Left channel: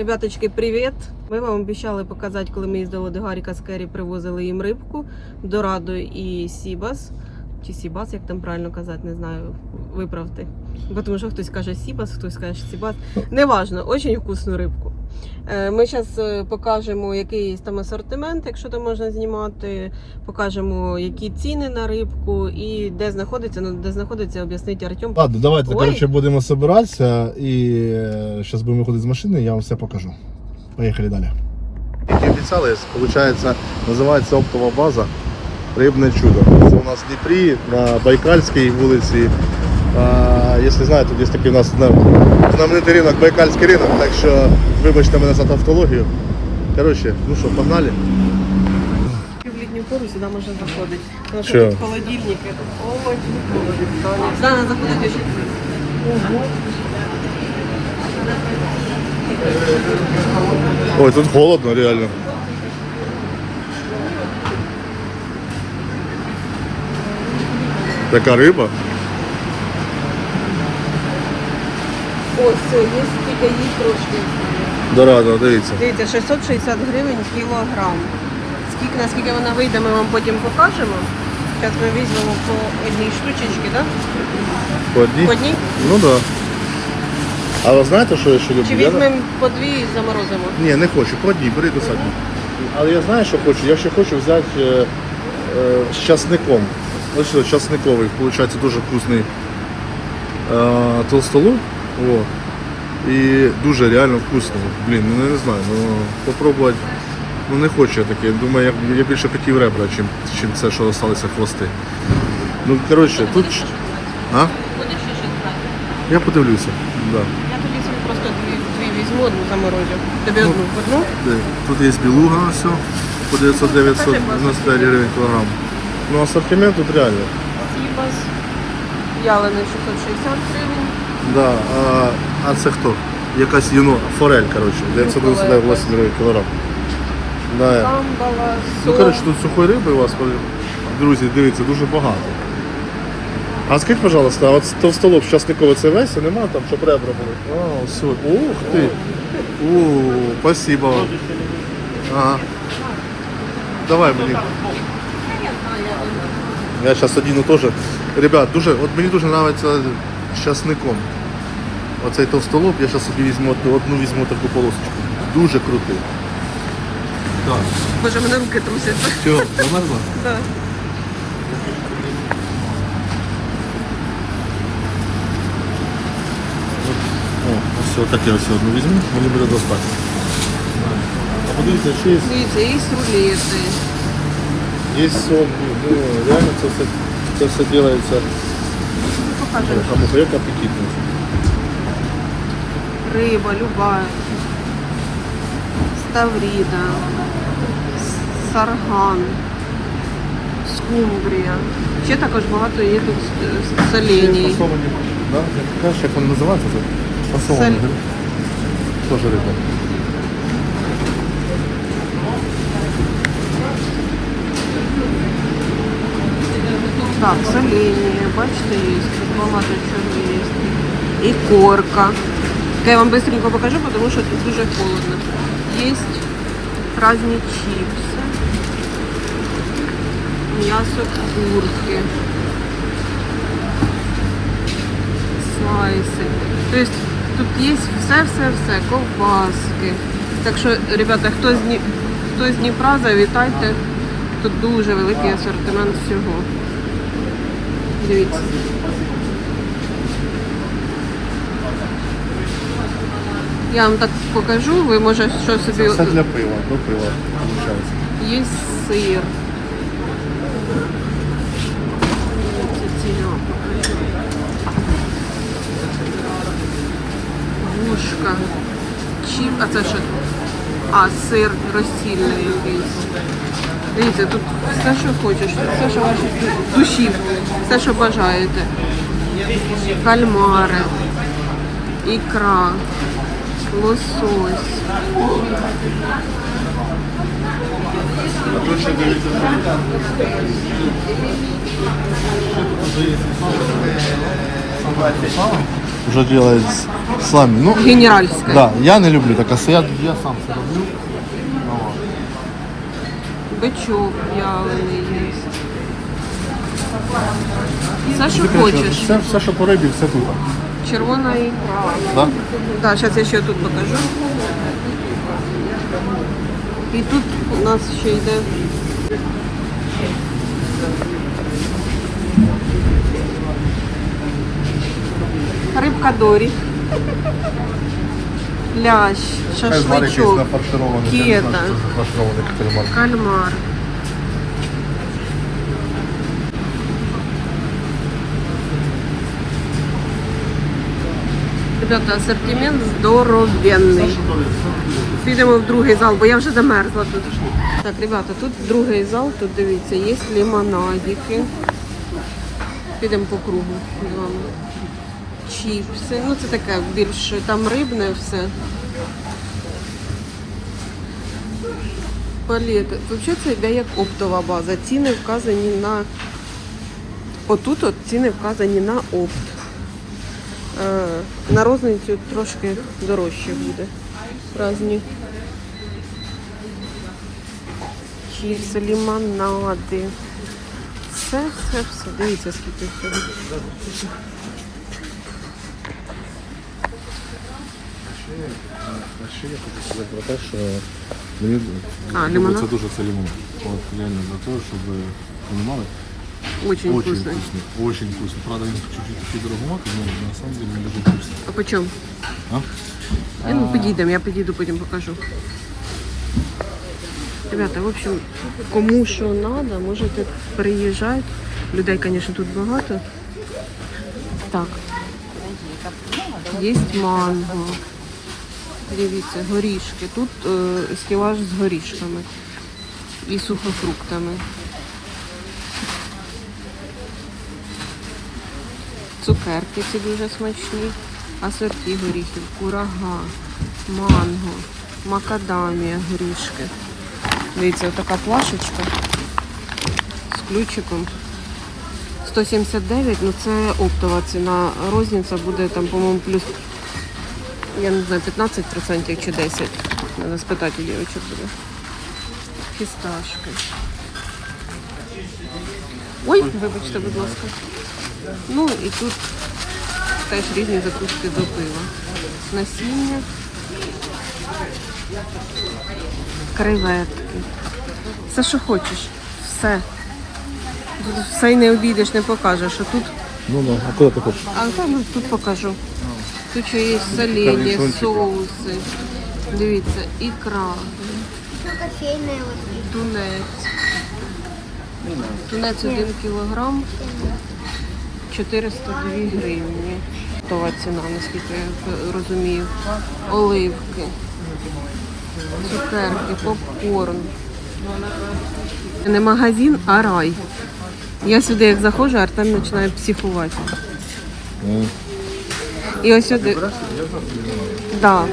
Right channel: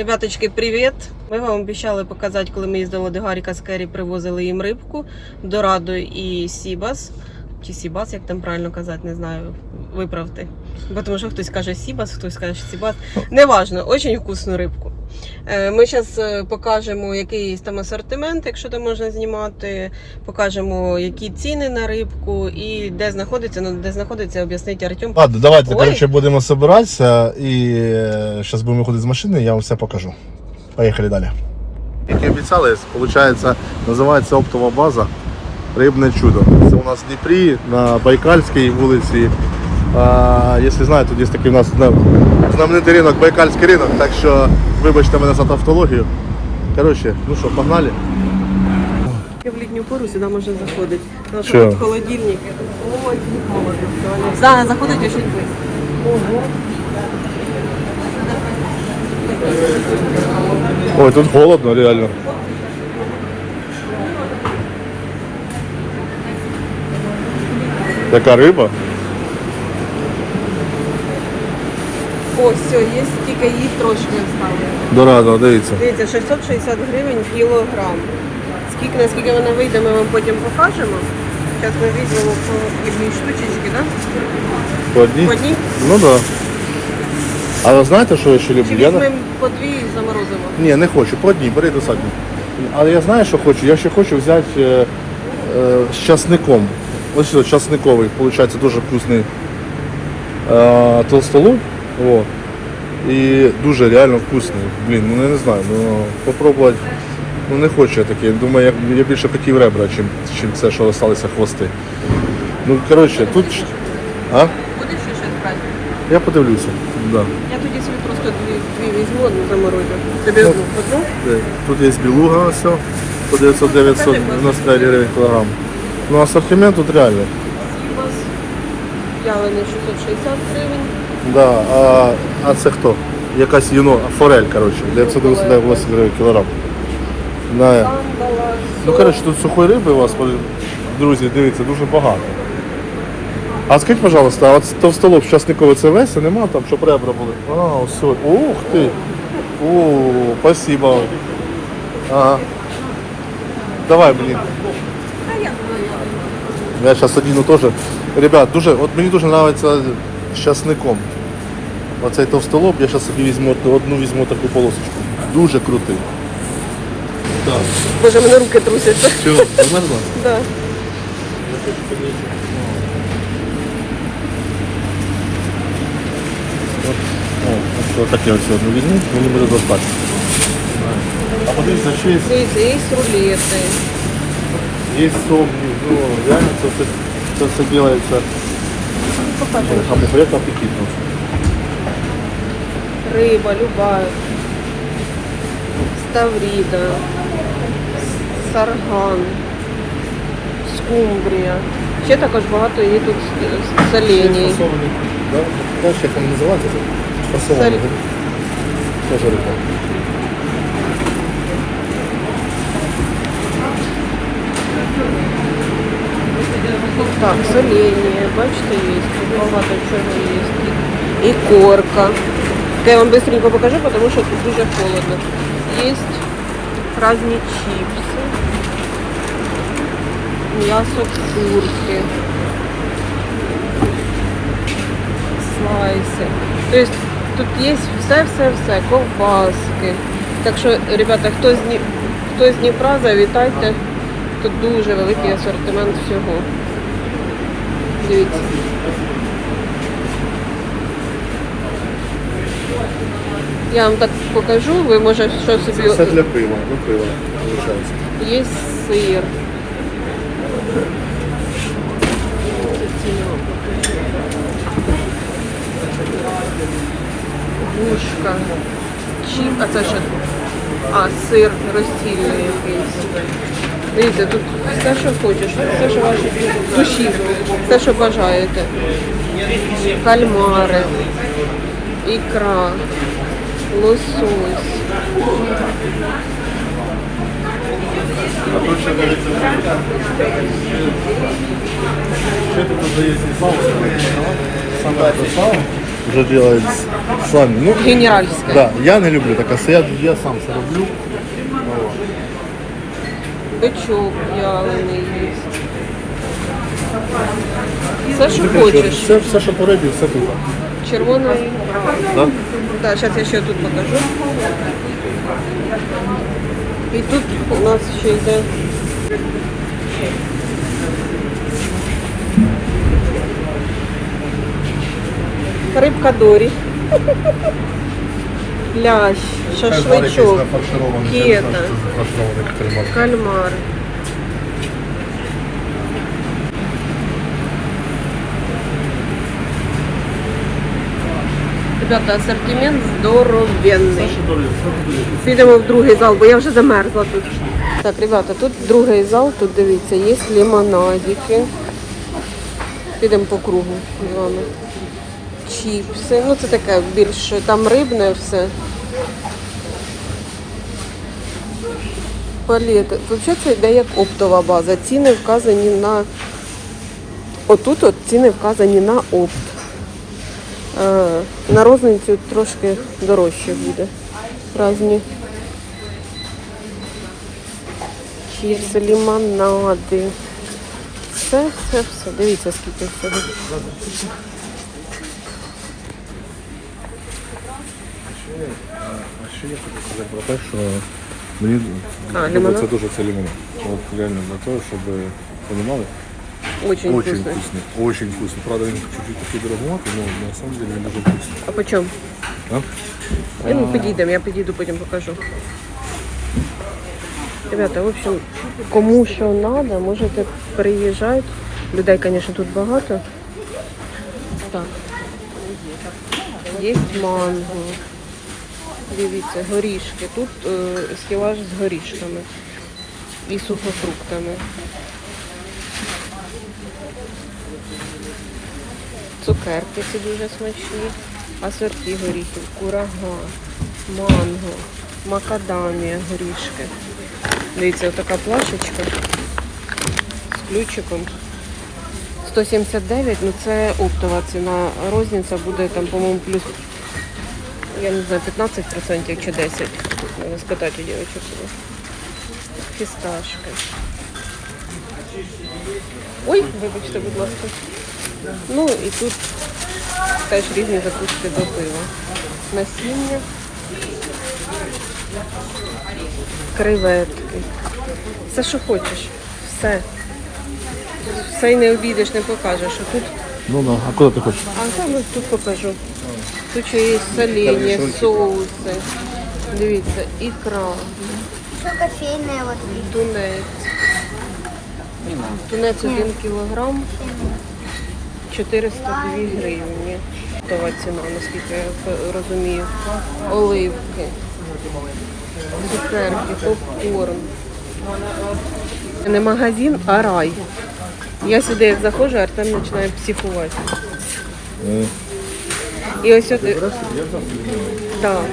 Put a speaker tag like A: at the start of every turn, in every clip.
A: Ребяточки, привіт! Ми вам обіцяли показати, коли ми їздили до Гаріка з Керрі, привозили їм рибку, Дорадо і Сібас. Чи Сібас, як там правильно казати, не знаю, виправте. Бо Тому що хтось каже Сібас, хтось каже Сібас. Неважно, дуже вкусну рибку. Е, Ми зараз покажемо, який там асортимент, якщо там можна знімати. Покажемо, які ціни на рибку і де знаходиться, ну де знаходиться, об'яснить Артем.
B: Ладно, давайте,
A: Ой.
B: короче, будемо збиратися і зараз будемо виходити з машини, я вам все покажу. Поїхали далі. Як і обіцяли, виходить, називається оптова база Рибне чудо. Це у нас в Дніпрі на Байкальській вулиці. Якщо знаєте, тут є такий у нас знам- знаменитий ринок, Байкальський ринок, так що вибачте мене за тавтологію. Коротше, ну що, погнали?
A: В літню пору сюди можна заходити. Тому що тут холодильник. Ой, холодно. Да, заходить дуже близько.
B: Ой, тут холодно реально. Така риба.
A: Ось, все, є тільки її трошки стало.
B: Дорадо, дивіться.
A: Дивіться, 660 гривень кілограм. Скільки, наскільки вона вийде, ми вам потім покажемо. Зараз ми візьмемо по одній штучечки, да?
B: По одній?
A: По одній?
B: Ну так. Да. А ви знаєте, що я ще люблю?
A: Чи
B: Я-
A: візьмемо по дві і заморозимо?
B: Ні, не хочу, по одній, бери достатньо. Але я знаю, що хочу. Я ще хочу взяти е, е, з часником. Ось що, часниковий, виходить, дуже вкусний е, толстолоб. Вот. І дуже реально вкусний. Блін, ну я не знаю, ну попробувати. Ну не хочу я таке. Думаю, я, я більше хотів ребра, чим, чим це, що залишилися хвости. Ну, коротше, тут. А?
A: Будеш ще щось брати?
B: Я подивлюся. Да.
A: Я тоді собі просто дві, дві візьму, одну заморозю. Тобі
B: Ну.
A: одну візьму?
B: Де? Тут є білуга, все, по 900-990 гривень кілограм. Ну, асортимент тут реально.
A: Сібас. Ялений 660 гривень.
B: Да, а, а це хто? Якась юно, форель, коротше, 998 гривень кілограм. Да. Ну, коротше, тут сухої риби у вас, друзі, дивіться, дуже багато. А скажіть, пожалуйста, а от товстолоб щасниковий це весь, а нема там, щоб ребра були? А, все. Ух ти! О, спасибо. Ага. Давай мені. Я зараз одіну теж. Ребят, дуже, от мені дуже подобається з часником. Оцей товстолоб, я зараз собі візьму одну візьму таку полосочку. Дуже крутий. Так.
A: Боже, в мене руки трусяться.
B: Все, замерзла? Так я все одну візьму, мені буде достатньо. А подивіться, ще є,
A: Дивіться, є рулети.
B: є сумки. Ну, реально це все, це все робиться.
A: Покажемо.
B: Кому як апетитно.
A: Риба, люба. Ставріда. Сарган. Скумбрія. Ще також багато є тут е, соленій.
B: Фасовані. Да? Ну, що там називається? Фасовані.
A: Це-
B: Теж риба.
A: Так, соленье, бачите, є, тут багато чого є. І корка. Я вам быстренько покажу, потому що тут дуже холодно. Є разні чипси, м'ясо курки, слайси. Тобто тут є все-все-все, ковбаски. Так що, ребята, хто з, Дні... хто з Дніпра, завітайте. Тут дуже великий асортимент всього. Дивіться. Я вам так покажу, ви може що собі.
B: Це для пива. Ну, пиво, виходить.
A: Є сир. Це ціна вам покажу. Вушка. Чіп. А це що? А, сир розсільний якийсь. Дивіться, тут все, що хочеш, все, що ваші душі, все, що бажаєте. Кальмари, ікра, лосось.
B: Уже делать сами. Ну,
A: Генеральська.
B: да, я не люблю так, а я, я сам це роблю.
A: Бичок вялений є. Все, що хочеш.
B: Все, все, що по рибі, все тут.
A: Червона ікра.
B: Да?
A: Так, зараз я ще тут покажу. І тут у нас ще йде. Рибка Дорі. Плящ, шашличок, кета, кальмар. Ребята, асортимент здоровенний. Підемо в другий зал, бо я вже замерзла тут. Так, ребята, тут другий зал, тут дивіться, є лимонадики. Підемо по кругу з вами. Чіпси. Ну це таке більше, там рибне все. Палети. Взагалі це йде як оптова база. Ціни вказані на. Отут от ціни вказані на опт. Е, На розницю трошки дорожче буде. Разні чіпси, лимонади. Все, все, все. Дивіться, скільки всього.
B: А ще я хочу сказати про те, що мені
A: А, лимонад?
B: це дуже це лимонад. От реально за те, щоб понімали.
A: Очень,
B: Очень
A: вкусний.
B: вкусный, очень вкусный. Правда, він чуть-чуть такий дороговатий, но на самом деле він дуже вкусний.
A: А по чому?
B: А?
A: Я, ну, підійдемо, я підійду, потім покажу. Ребята, в общем, кому що треба, можете приїжджати. Людей, звісно, тут багато. Так. Є манго. Дивіться, горішки. Тут е, стілаж з горішками і сухофруктами. Цукерки ці дуже смачні. Асорті горіхів, курага, манго, макадамія, горішки. Дивіться, така плашечка з ключиком. 179, ну це оптова ціна. Розниця буде там, по-моєму, плюс, я не знаю, 15% чи 10%. Треба спитати у. Фісташки. Ой, вибачте, будь ласка. Ну і тут теж різні закуски до пива. Насіння, креветки. Все, що хочеш. Все. Тут все й не обійдеш, не покажеш. А тут,
B: Ну, ну, а куди ти хочеш?
A: а там ось тут покажу. Тут ще є
B: Корнішончики.
A: соуси. Дивіться, ікра,
C: Что кофейная вот.
A: тунець. Тунець 1 кілограм 402 гривні. Готова ціна, наскільки я розумію. Оливки, цукерки, попкорн. Не магазин, а рай. Я сюди як заходжу, Артем починає психувати. І ось сюди. Да.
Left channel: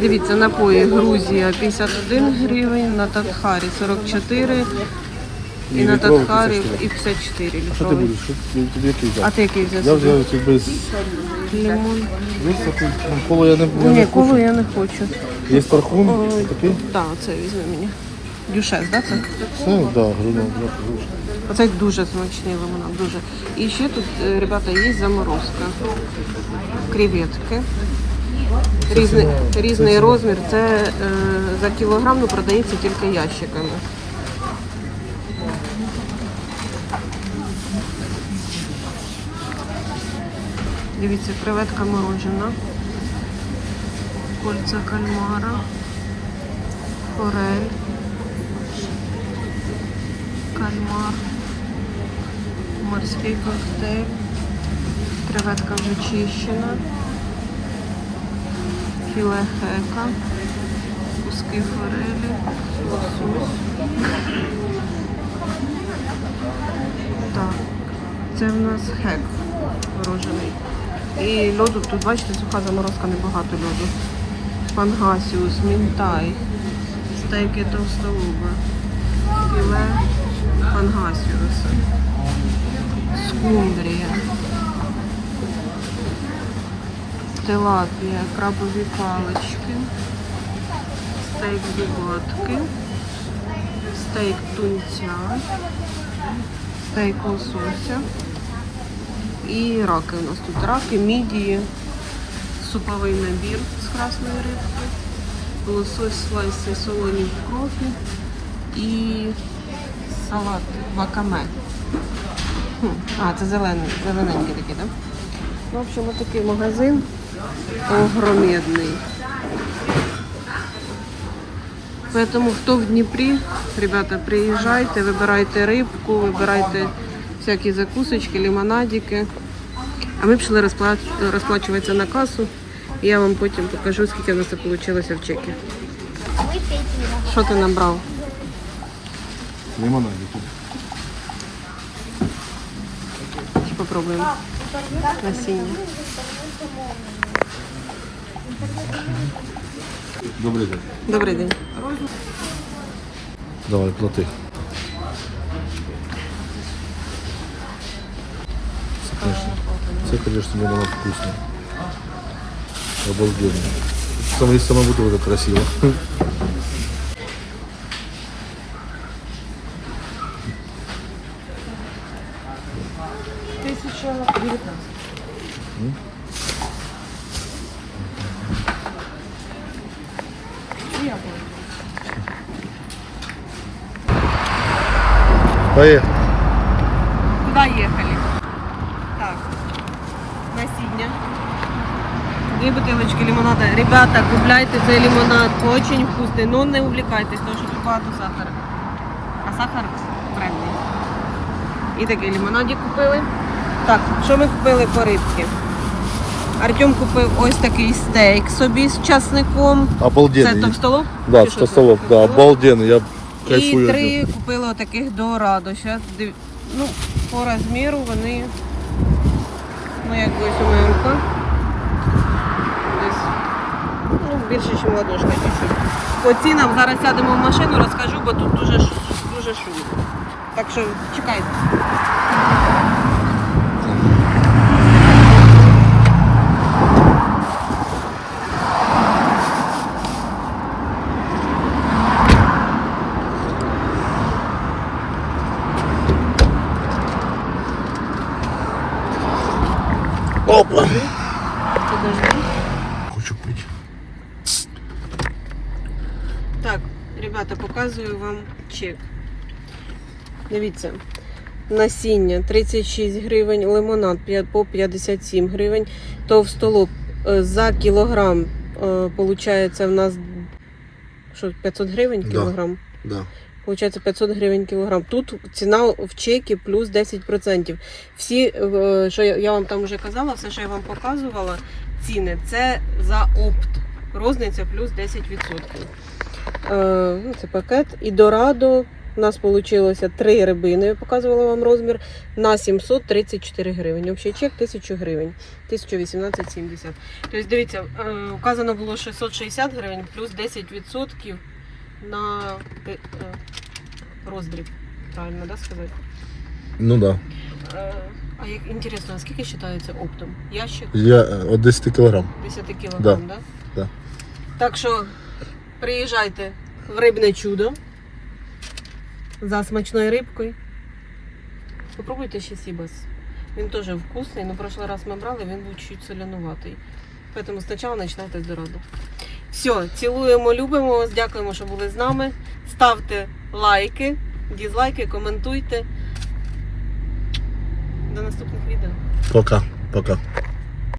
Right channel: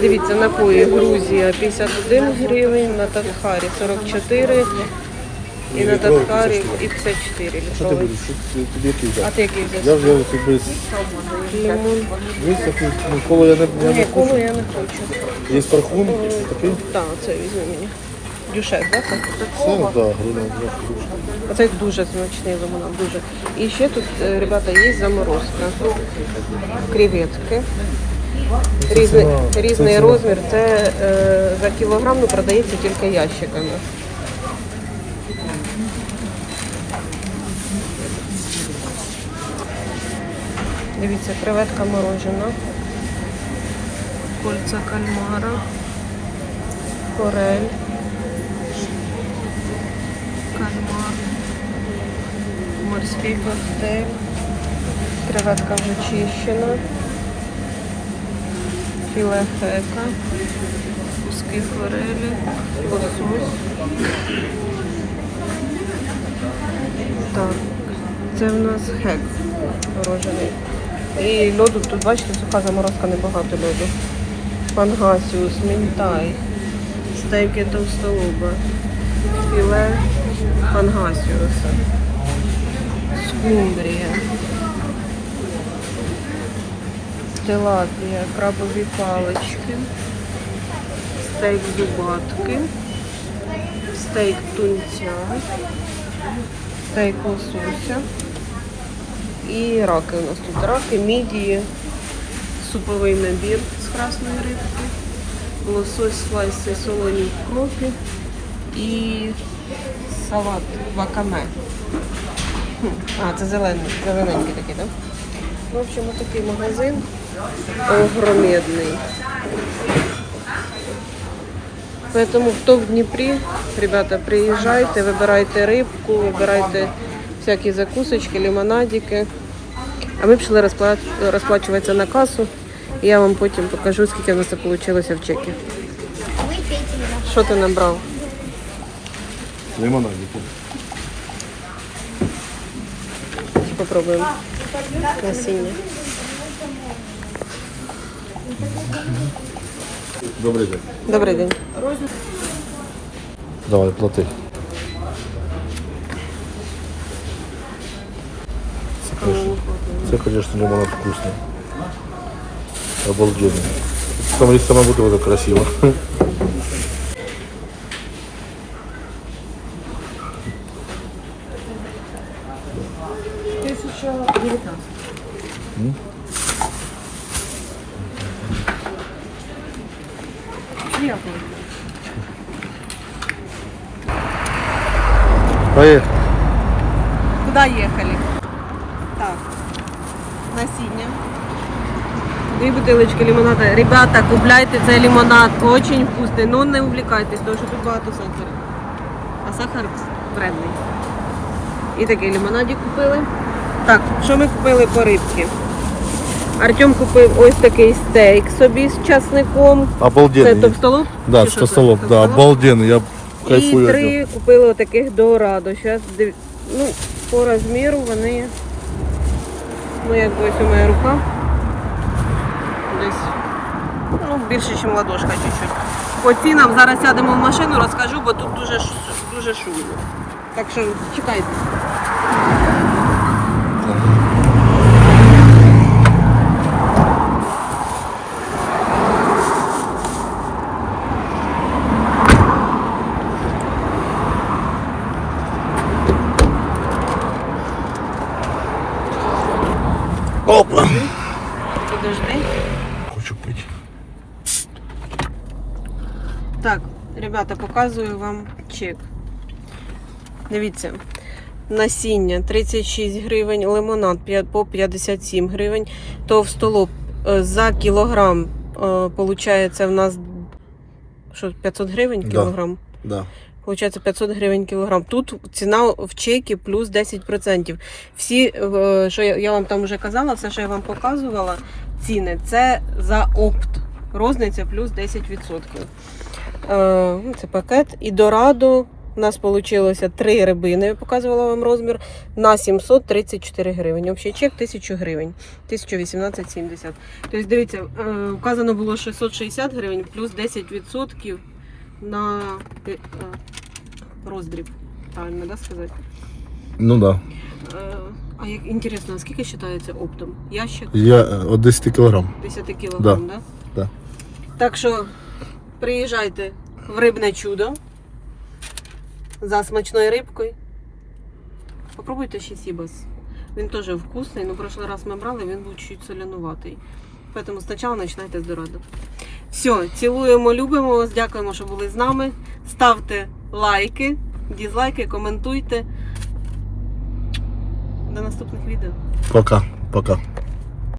A: Дивіться, напої Грузія 51 гривень, на Татхарі 44 і на
B: літровий
A: Татхарі
B: 54.
A: і 54
B: Що ти
A: літровий.
B: будеш? Що ти тобі який
A: А
B: взяти?
A: ти який
B: Я
A: взяв?
B: вже якби
A: Лимон.
B: Тут ну, коло я не, не
A: Ні,
B: хочу.
A: колу я не хочу.
B: Є парфум
A: Ой.
B: такий.
A: Так, це візьми мені. Дюшес, да, це?
B: Все, да, 20.
A: Оце дуже смачний лимонад, дуже. І ще тут, е, ребята, є заморозка. Креветки. Різний, різний розмір. Це е, за кілограм ну, продається тільки ящиками. Дивіться, креветка морожена. Кольця кальмара. Форель. Кальмар. Морський коктейль. Креветка вже чищена. Філе хека. Куски форелі. Лосось. Так. Це в нас хек морожений. І льоду тут, бачите, суха заморозка, небагато льоду. Пангасіус, мінтай, стейки товстолуба, філе пангасіуса, скумбрія. тилапія, крабові палички, стейк зубатки, стейк тунця, стейк лосося і раки у нас тут. Раки, мідії, суповий набір з красної рибки, лосось слайси солоні в кропі і салат вакаме. А, це зелений, зелененький такий, так? Ну, в общем, ось такий магазин огромедний. Поэтому хто в Дніпрі, ребята, приїжджайте, вибирайте рибку, вибирайте всякі закусочки, лимонадики. А ми пішли розпла- розплачуватися на касу. І я вам потім покажу, скільки в нас це вийшло в чекі.
C: Его.
A: Що ти набрав?
B: Лимонадику.
A: Попробуємо. Насіння.
B: Добрий день.
A: Добрий день.
B: Давай, плати. Конечно, це, конечно, лимонад вкусный. Обалденный. Сам, сама бутылка красиво. Привет.
A: Куда їхали? Насіння. Дві бутилочки лимонада. Ребята, купляйте цей лимонад. Очень вкусний. Ну не увлікайтесь, тому що тут багато сахара. А сахар вредний. І такий лимонадик купили. Так, що ми купили по рибці? Артем купив ось такий стейк собі з часником. Це
B: Обалденный.
A: товстолоб?
B: Да,
A: Чи що це?
B: столов, да,
A: Товстолоб?
B: обалденный. Я
A: І
B: кайфую. от
A: три купили отаких дорадо. Зараз ну, по розміру вони. Ну, як ось у мене рука. Десь ну, більше, ніж ладошка чуть-чуть. По цінам зараз сядемо в машину, розкажу, бо тут дуже, дуже шумно. Так що чекайте.
B: Опа.
A: Подожди.
B: Хочу пить.
A: Так, ребята, показую вам чек. Дивіться. Насіння 36 гривень, лимонад по 57 гривень, товстолоб е, за кілограм виходить в нас що, 500 гривень кілограм.
B: Да.
A: Получається 500 гривень кілограм. Тут ціна в чекі плюс 10%. Всі, е, що я вам там вже казала, все, що я вам показувала, ціни, це за опт. Розниця плюс 10%. Е, ну, це пакет. І дорадо у нас вийшло три рибини, я показувала вам розмір, на 734 гривень. Общий чек 1000 гривень, 1018,70. Тобто, дивіться, е, указано було 660 гривень плюс 10% на е, роздріб. Правильно, да, сказати?
B: Ну да.
A: Е, А як інтересно, а скільки вважається оптом? Ящик
B: Я от 10 кілограм.
A: 10 кілограм, да?
B: Да.
A: Так що приїжджайте в рибне чудо за смачною рибкою. Попробуйте ще сібас. Він теж вкусний, але прошлий раз ми брали, він був чуть солянуватий. Тому спочатку починайте з дораду. Все, цілуємо, любимо вас, дякуємо, що були з нами. Ставте лайки, дізлайки, коментуйте. До наступних відео.
B: Пока. Пока.